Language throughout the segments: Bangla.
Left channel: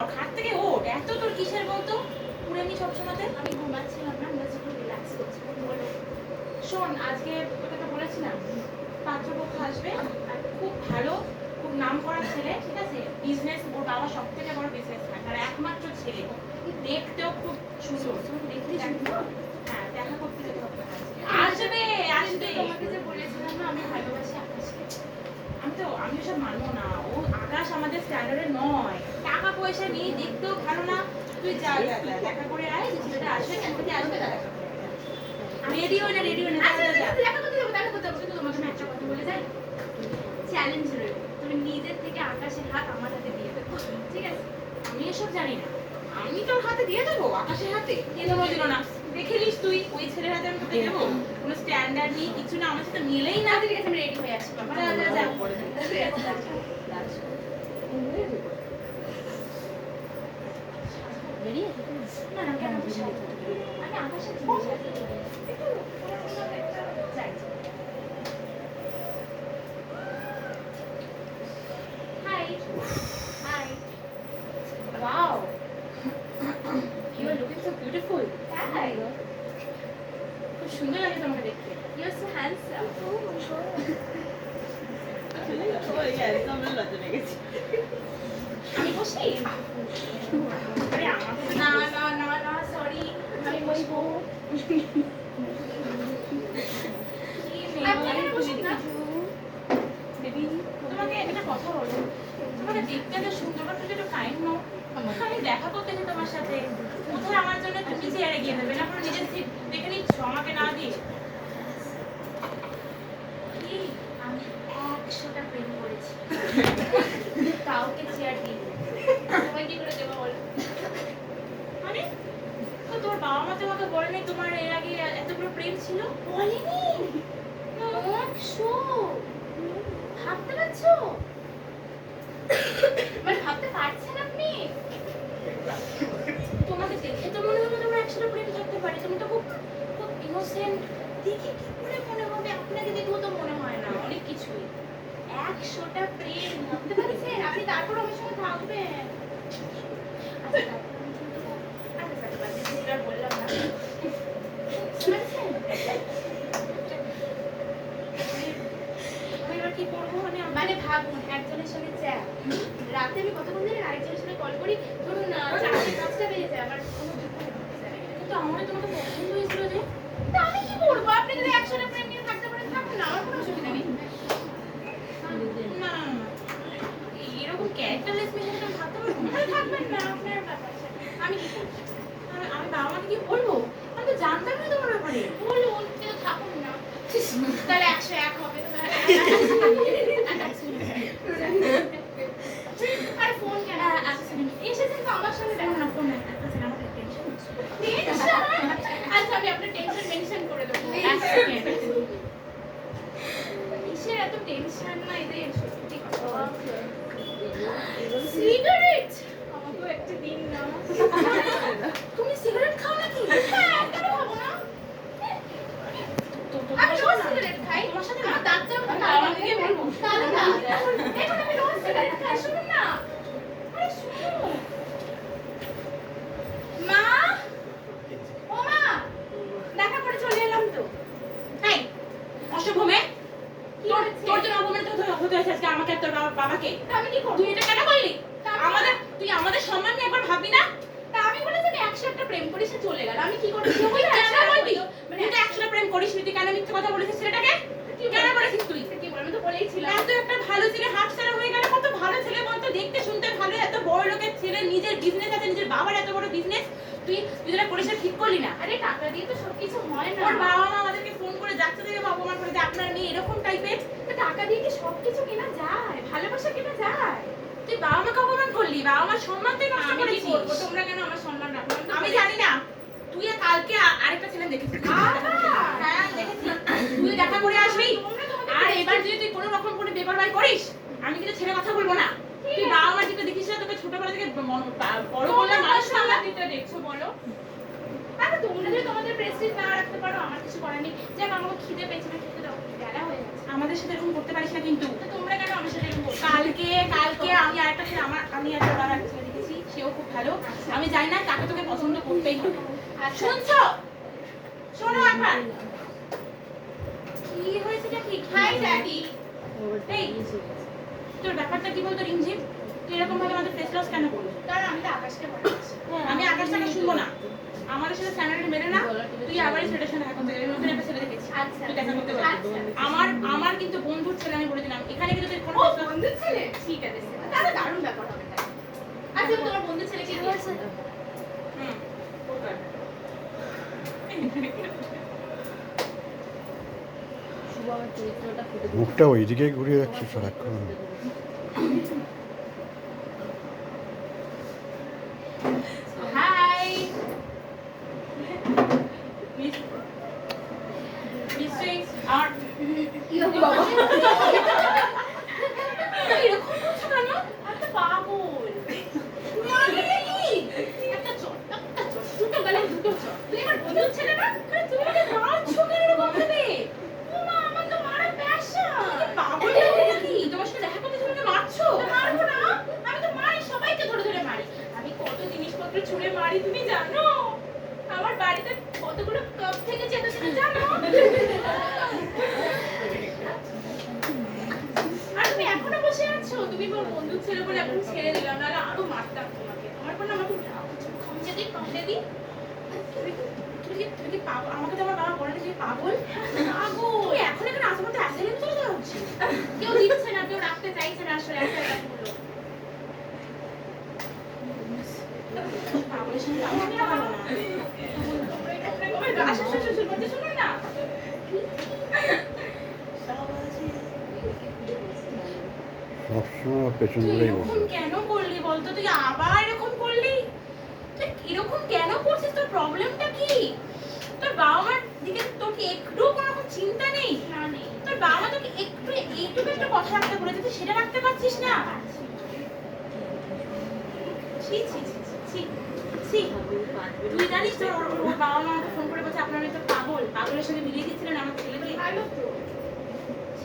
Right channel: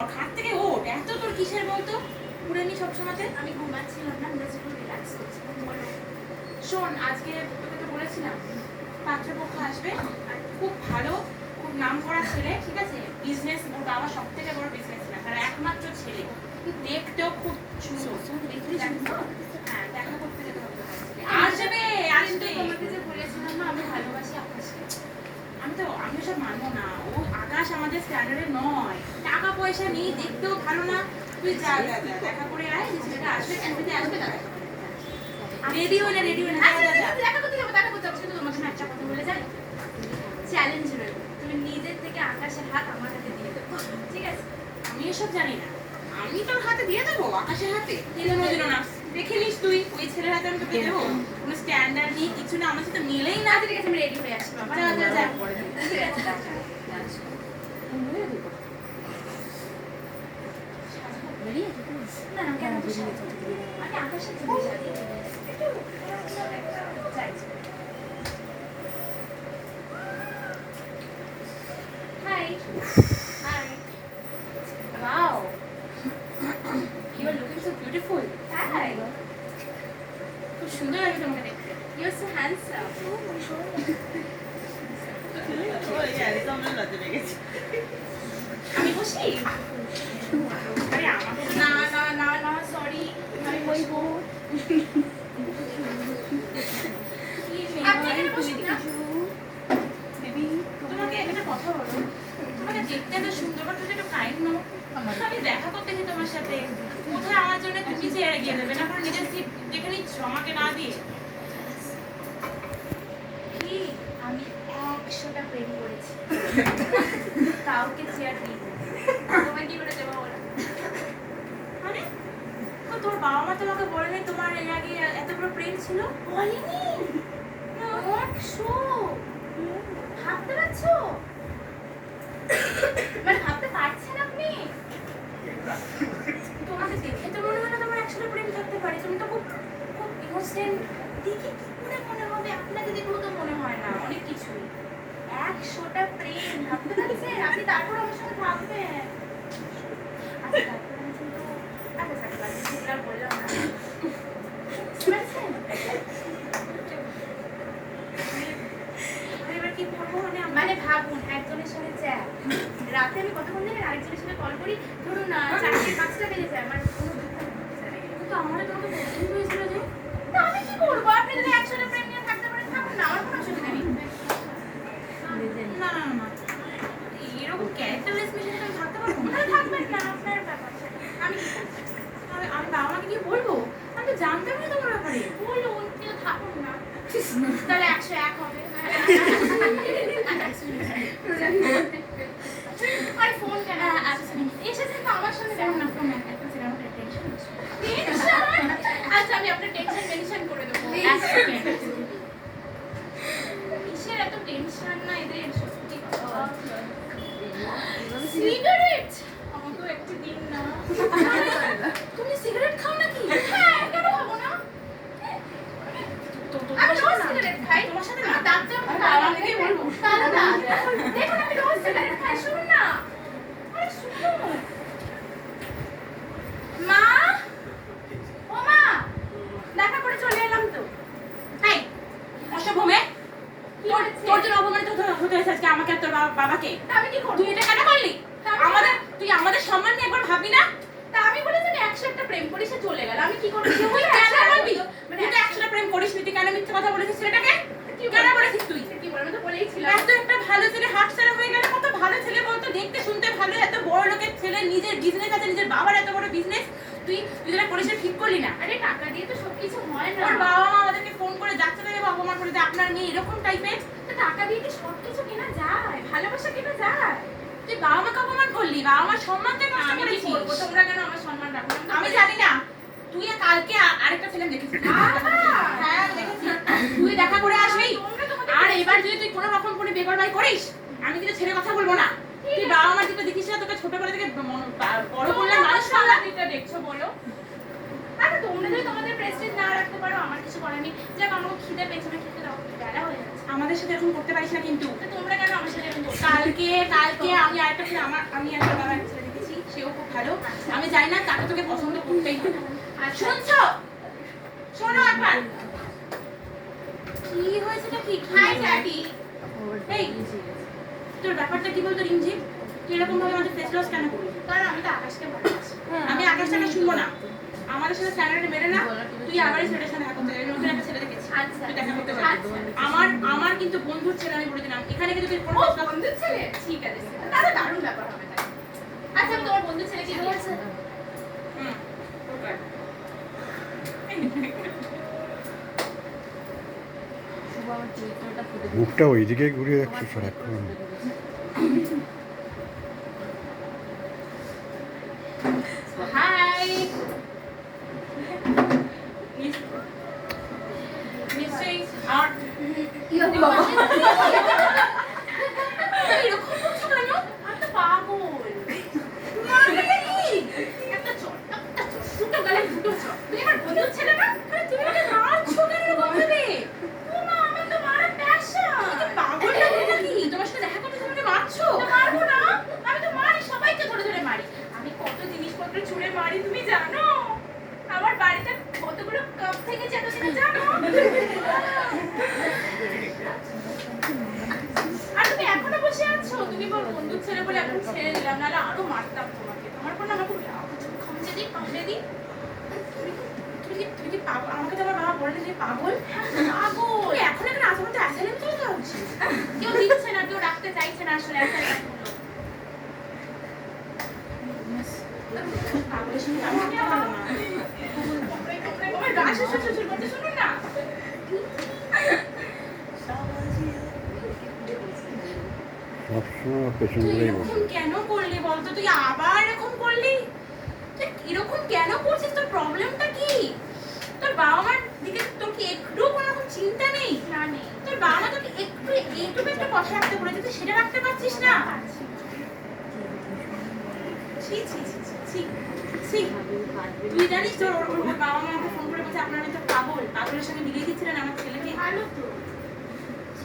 খাট থেকে ওঠ, এত তোর কিসের বলতো পুরানি সবসময়তে? আমি ঘুমাচ্ছিলাম না, একটু রিল্যাক্স করছিলাম। বলো। শোন, আজকে তোকে তো বলেছিলাম পাত্রপক্ষ আসবে, আর খুব ভালো, খুব নাম করা ছেলে, ঠিক আছে? বিজনেস, ওর বাবা সব থেকে বড় বিজনেসম্যান, আর একমাত্র ছেলে, দেখতেও খুব সুন্দর। দেখতে জানতো? হ্যাঁ, দেখা করতে যেতে হবে। আসবে আসবে। তোমাকে যে বলেছিলাম না আমি ভালোবাসি আকাশকে। আমি ওসব মানবো না। ও আকাশ আমাদের স্ট্যান্ডার্ডে নয়, টাকা পয়সা নিয়ে দেখতেও ভালো না। তুই যা দেখা করে আয়, যে ছেলেটা আসবে ছবিতে আসবে, দেখা করে রেডি হয়ে না, রেডি হয়ে না, দেখা করতে হবে, কিন্তু তোমাকে একটা কথা বলে যাই, চ্যালেঞ্জ রইল, তুমি নিজের থেকে আকাশের হাত আমার হাতে দিয়ে দেবো, ঠিক আছে? আমি এসব জানি না। আমি তোর হাতে দিয়ে দেবো, আকাশের হাতে দিয়ে দেবো দিল না। দেখে নিস তুই, ওই ছেলের হাতে আমি তোকে দেবো? কোনো স্ট্যান্ডার্ড নেই, কিছু না, আমার সাথে মিলেই না। ঠিক আছে, আমি রেডি হয়ে আসি। যা যা যা। না না, কেন আমি আকাশের জিনিস আছে একটু যাই। Hi hi, Wow, you are looking so beautiful. Hi, খুব সুন্দর লাগে তোমাকে দেখতে। You are so handsome. আমি বসি? আরে আমাকে না না না না, সরি, আমি বসবো। আপনি এখানে বসুন না। তোমাকে একটা কথা বলো, তোমাকে দেখতে এত সুন্দর, বাট তুমি একটু কাইন্ড নো। আমি দেখা করতে চাই তোমার সাথে, কোথায় আমার জন্য একটু নিচে এড়ে গিয়ে দেবে না, করে নিজের সিট দেখে নিচ্ছ আমাকে না দিয়ে। কি আমি 100টা প্রেম করেছি, কাউকে চেয়ার দিই তোমায় কি করে দেবো বলো? মানে ও, তোর বাবা মা তোমাকে বলে নাই তোমার এর আগে এত বড় প্রেম ছিল? বলিনি। 100 ভাবতে পারছো? মানে ভাবতে পারছেন আপনি? তোমাকে দেখে তো মনে হয় না তোমার একসাথে প্রেম থাকতে পারে। তুমি তো খুব খুব ইনোসেন্ট। দেখে কি করে মনে হবে? আপনাকে দেখলেও তো মনে হয় না অনেক কিছুই। 100টা প্রেম ভাবতে পারছেন আপনি? তারপর আমার সঙ্গে থাকবেন? আচ্ছা তারপর আমি কিন্তু আচ্ছা স্যার বাজে সেটা বললাম না, শুনেছেন? আমি এবার কি করবো? মানে ভাবুন, একজনের সঙ্গে চ্যাট, রাতে আমি কতক্ষণ জানেন আরেকজনের সঙ্গে কল করি, ধরুন না 4টা 5টা বেজে যায়, আমার কোনো দুঃখ নেই। কিন্তু আমার তোমাকে পছন্দ হয়েছিল যে। তা আমি কি করবো? আপনি যদি 100টা প্রেম নিয়ে থাকতে পারেন থাকুন না, আমার কোনো অসুবিধা নেই। না না না, এরকম ক্যারেক্টারলেস মেশিনে আমি থাকতে পারবো না। তাহলে থাকবেন না, আপনার ব্যাপার। আমি কি করবো? আমি বাবা মাকে কি বলবো? আমি তো জানতাম না তোমার ব্যাপারে। বলুন, কিন্তু থাকুন না। তাহলে 101 হবে। আরে ফোন কেন? এসেছেন তো আমার সঙ্গে, ফোন না, ফোন না, একটা সেকেন্ড, আমার টেনশন হচ্ছে। আচ্ছা আমি আপনার টেনশন মেনশন করে দেবো। এক সেকেন্ড। কিসের এত টেনশন না এদের, সত্যি কথা। সিগারেট আমাকেও একটা দিন না। তুমি সিগারেট খাও নাকি? হ্যাঁ, কেন খাবো না? আমি রোজ সিগারেট খাই। তোমার সাথে আমার ডাক্তার আমি বাবা থেকে বলবো। দাদা, দেখুন আমি রোজ সিগারেট খাই, শুনুন না। আরে শুনুন। মা, ও মা, দেখা করে চলে এলাম তো। এই অসভ্য মেয়ে, কি তোর হয়েছে? তোর জন্য অপমানিত হতে হয়েছে আজকে আমাকে আর তোর বাবাকে। তা আমি কি করবো? তুই এটা কেন করলি? তুই আমাদের সম্মান নিয়ে একবার ভাববি না? তা আমি বলে যে 101টা প্রেম করি, সে চলে গেল, আমি কি করবো? তুই কেন বলবি? মানে তুই তো একসাথে প্রেম করিস নি, তুই কেন মিথ্যে কথা বলেছিস ছেলেটাকে? কেন বলেছিস তুই? কি বলবো? আমি তো বলেইছিলাম। এত একটা ভালো ছেলে হাতছাড়া হয়ে গেল। কত ভালো ছেলে বলতো, দেখতে শুনতে ভালো, এত বড় লোকের ছেলে, নিজের বিজনেস আছে, নিজের বাবার এত বড় বিজনেস, তুই যেটা করিস ঠিক করলি না। আরে টাকা দিয়ে তো সবকিছু হয় না। ওর বাবা মা আমাদেরকে ফোন করে যাচ্ছে থেকে অপমান করে যে আপনার মেয়ে এরকম টাইপের। তো টাকা দিয়ে কি সবকিছু কেনা যায়? ভালোবাসা কেনা যায়? তুই বাবা মাকে অপমান করলি, বাবা মার সম্মান তুই নষ্ট আমি কি করেছিস। করবো? তোমরা কেন আমার সম্মান রাখো না? আমি জানি না। তুই কালকে আরেকটা ছেলে দেখেছিস? হ্যাঁ দেখেছি। তুই দেখা করে আসবি। আর এবার যদি তুই কোনো রকম কোনো বেপরবাই করিস, আমি কিন্তু ছেড়ে কথা বলবো না। তুই বাবা মা যেটা দেখিস না, তোকে ছোটবেলা থেকে বড় করলে মানুষ না। দিতে দেখছো বলো? আরে তোমরা যদি তোমাদের প্রেস্টিজ না রাখতে পারো, আমার কিছু করার নেই। যাক, আমাকে খিদে পেয়েছে, না খেতে দাও, বেলা হয়ে যাচ্ছে। আমাদের সাথে এরকম করতে পারিস না কিন্তু। তো তোমরা কেন আমার সাথে এরকম করছো? কালকে আমি আরেকটা ছেলে, আমি একটা বড় একটা ছেলে দেখেছি, সে সেও খুব ভালো। আমি জানি না তাকে তোকে পছন্দ করতেই হবে। শুনছো? শোনো একবার। কি হয়েছেটা কি? Hi daddy. এই তোর ব্যাপারটা কি বলতো রিমঝিম? তুই এরকম ভাবে আমাদের ফেস লস কেন করলি? কারণ আমি তো আকাশকে ভালোবাসি। আমি আকাশটাকে শুনবো না। আমাদের সাথে স্ট্যান্ডার্ড মেরে না। তুই আবার এই ছেলের সাথে দেখা করতে যাবি। নতুন একটা ছেলে দেখেছি। আচ্ছা তুই দেখা করতে পারবি। আমার কিন্তু বন্ধুর ছেলে আমি বলে দিলাম। এখানে কিন্তু তুই কোনো ও face loss- বন্ধুর ছেলে? ঠিক আছে, তাহলে দারুণ ব্যাপার হবে তাই। আচ্ছা তোমার বন্ধুর ছেলে কি বলছে? হুম, ওকে। মুখটা ওইদিকে ঘুরিয়ে রাখছে সারাক্ষণ। হাই নিশ্চয়ই আর বাবা এরকম করছো কেন? আমি তো পাগল। মানে কি? একটা চট, দুটো গলায় দুটো চট। তুই আমার বন্ধুর ছেলে না? আরে তুমি আমাকে মারছো কেন এরকম ভাবে? ও মা, আমার তো মারার প্যাশন। তুমি পাগল নাকি নাকি? তোমার সাথে দেখা করতে তুমি আমাকে মারছো? তো মারবো না? আমি তো মারি, সবাইকে ধরে ধরে মারি। আমি কত জিনিসপত্র ছুঁড়ে মারি তুমি জানো? আমার বাড়িতে কতগুলো কাপ থেকে যেত তুমি জানো? আর তুমি এখনো বসে আছো? তুমি আমার বন্ধুর ছেলে বলে এখন ছেড়ে দিলাম, নাহলে আরো মারতাম তোমাকে। তোমার কোনো আমার খুব রাগ হচ্ছে। খামচে দিই, পাশে দিই। তুমি কি পাগল? আমাকে তো আমার বাবা বলে তুমি পাগল। পাগল। তুমি এখন এখানে আসো আমাকে অ্যাসাইলেন্ট চলে যাওয়া উচিত। কেউ দিচ্ছে না, কেউ রাখতে চাইছে না আসলে অ্যাসাইনমেন্টগুলো। পাগলের সঙ্গে কাজ করতে পারবো না। তোমার গা শ্বশুর করতে শুনুন না। সবসময় ওর পেছন তুই ধরেই এরকম বসে। কেন করলি বলতো? তুই আবার এরকম করলি? তুই এরকম কেন করছিস? তোর প্রবলেমটা কি? তোর বাবা মার দিকে তোর কি একটু কোনো রকম চিন্তা নেই? না নেই। তোর বাবা মা তোকে একটু এইটুকু একটা কথা রাখতে বলেছে, তুই সেটা রাখতে পারছিস না? ছি ছি ছি ছি ছি ছি। তুই জানিস তোর ওর বাবা মা আমাকে ফোন করে বলছে আপনার মেয়ে তো পাগল, পাগলের সঙ্গে মিলিয়ে দিচ্ছিলেন আমার ছেলেকে। ভালো তো।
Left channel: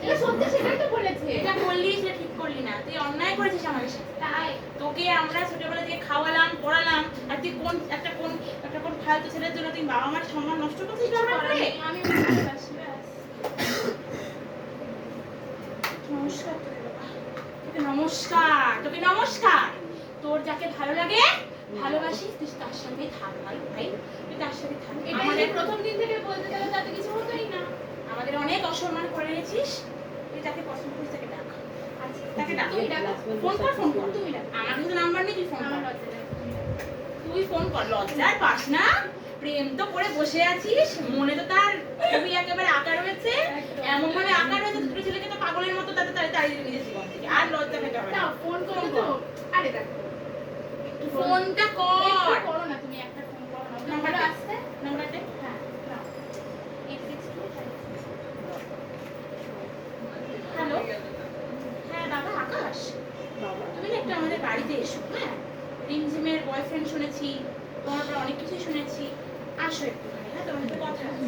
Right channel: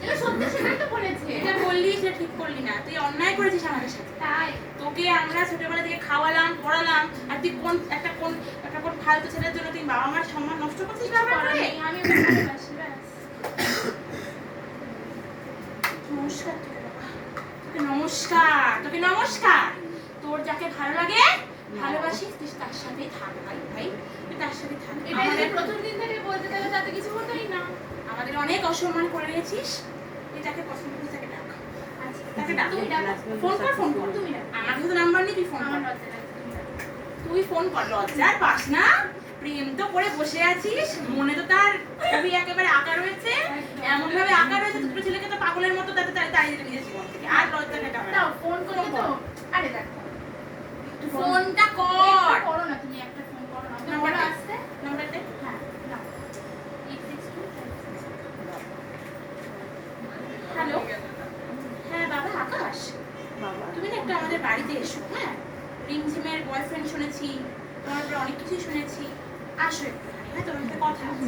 এটা সত্যি, সেটাই তো বলেছে। এটা বললি সেটা ঠিক করলি না, তুই অন্যায় করেছিস আমাদের সাথে। তাই তোকে আমরা ছোটবেলা থেকে খাওয়ালাম পড়ালাম, আর তুই একটা কোন ফালতু ছেলের জন্য তুই বাবা মার সম্মান নষ্ট করছিস বারবার করে। আমি ভালোবাসি ব্যাস। নমস্কার তোকে বাবা। তোকে নমস্কার, তোকে নমস্কার। তোর যাকে ভালো লাগে ভালোবাসিস তুই তার সাথেই থাক ভাই ভাই, তুই তার সাথে থাক। এটা আমাদের প্রথম দিন থেকে বলতে তাহলে তাতে কিছু হতোই না। আমাদের অনেক অসম্মান করে এনেছিস, তুই যাকে পছন্দ করিস তাকে ডাক। আচ্ছা তাকে ডাক। তুমি ডাকো। ফোন কর ফোন কর। তুমি ডাকো। আমার কিন্তু নাম্বার নেই, তুই ফোন কর। আমার লজ্জা লাগছে, তুমি ডাকো। তুই ফোন কর, লজ্জার পাস না? প্রেম তো করে বসে আছিস, মনে তো তার ছবি একেবারে আঁকা রয়েছে, এমন ভাবে আঁকা রয়েছে দুটো ছেলেকে তো পাগলের মতো তাতে তাই দিতে নিজের জীবন থেকে। আর লজ্জা পেতে হবে না। দাও ফোন করো তো। আরে দেখো তুই ফোনটা একটু কর। করো না, তুমি একটা ফোন করো না। নাম্বারটা নাম্বারটা আসছে? নাম্বারটা হ্যাঁ নাও। 862 হ্যালো। হ্যাঁ বাবা আকাশ, তুমি না একটু আমাদের বাড়িতে এসো। হ্যাঁ, রিমঝিমের বয়ফ্রেন্ড শুনেছি, তোমার ব্যাপারে অনেক কিছুই শুনেছি। আসো একটুখানি, হ্যাঁ তোমার সাথে কথা আছে।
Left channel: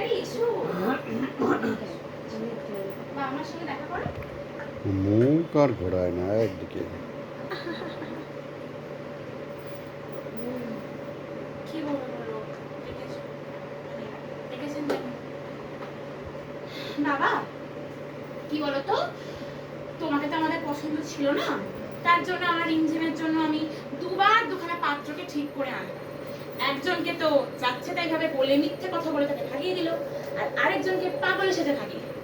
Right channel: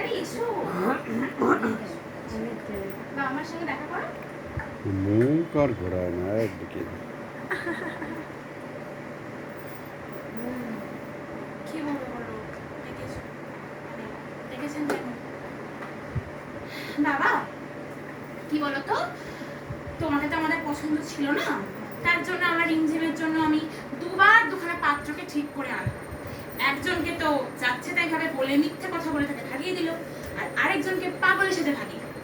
আরে এসো। বা আমার সঙ্গে দেখা করো। মুখ আর ঘোরায় না একদিকে। কি বলবো বলো, ডেকেছো মানে ডেকেছেন কেন? বাবা কি বলো তো, তোমাকে তো আমাদের পছন্দ ছিল না, তার জন্য আমার রিমঝিমের জন্য আমি দুবার দুখানা পাত্রকে ঠিক করে আনলাম। একজনকে তো যাচ্ছে তাই ভাবে বলে মিথ্যে কথা বলে তাকে ভাগিয়ে দিল, আর আরেকজনকে পাগলের সাথে ভাগিয়ে দিল।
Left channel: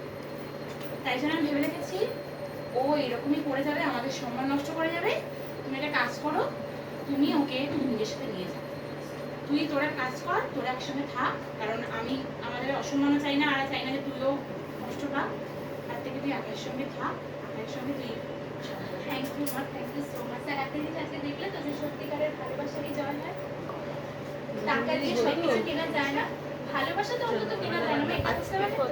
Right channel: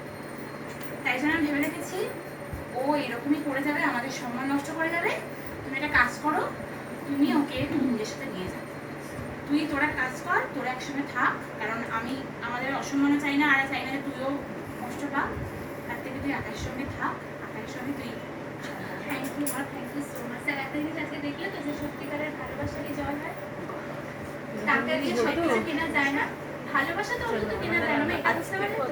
তাই জন্য আমি ভেবে রেখেছি ও এরকমই করে যাবে, আমাদের সম্মান নষ্ট করে যাবে। তুমি একটা কাজ করো, তুমি ওকে তুমি নিজের সাথে নিয়ে যাও। তোরা কাজ কর, তোরা একসঙ্গে থাক, কারণ আমি আমাদের অসম্মানও চাই না, আর চাই না যে তুইও কষ্ট পা। তার থেকে তুই আকাশের সঙ্গে থাক, আকাশের সঙ্গে তুই থ্যাংক ইউ মা, thank you so much. Sir একটা জিনিস আজকে দেখলে তো যে সত্যিকারের ভালোবাসারই জয় হয়। টাকা দিয়ে সব কিছু কেনা যায় না, ভালোবাসা তো অন্তত কেনা যায় না। এটা বুঝতে পারলে তো?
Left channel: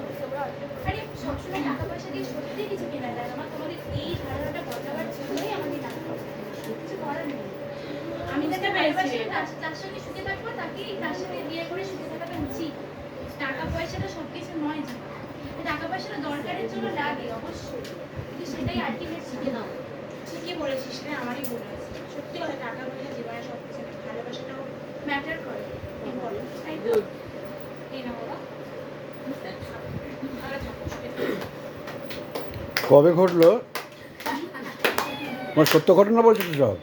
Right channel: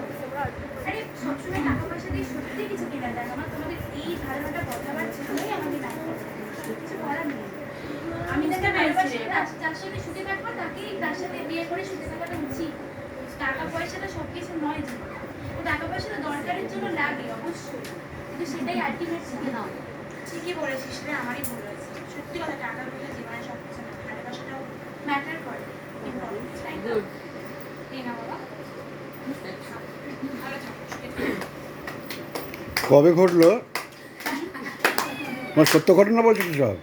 আরে সবসময় টাকা পয়সা দিয়ে সত্যি কিছু কেনা যায় না। আমার তোমাদের এই ধারণাটা বদলাবার জন্যই আমাকে টাকা পয়সা দেয়। কিছু করার নেই। আমি যাকে ভালোবাসি, যার সাথে সুখে থাকবো তাকেই তার সাথে বিয়ে করে সুখে থাকাটা উচিত। পয়সাটা দরকারের জন্য লাগে অবশ্যই, কিন্তু সেটাই আলটিমেট শিখে নাও। ঠিকই বলেছিস রে, আমারই ভুল হয়েছে। সত্যি কথা, টাকা পয়সা জীবনে সব কিছু না, ভালোবাসাটাও ম্যাটার করে। ইম্পর্টেন্ট, তাই তো? এই না বাবা, ভালো থাকো, সুখে থাকো। কবে ঘটলো? তোমার সত্য ঘটনা বলছো তো সব?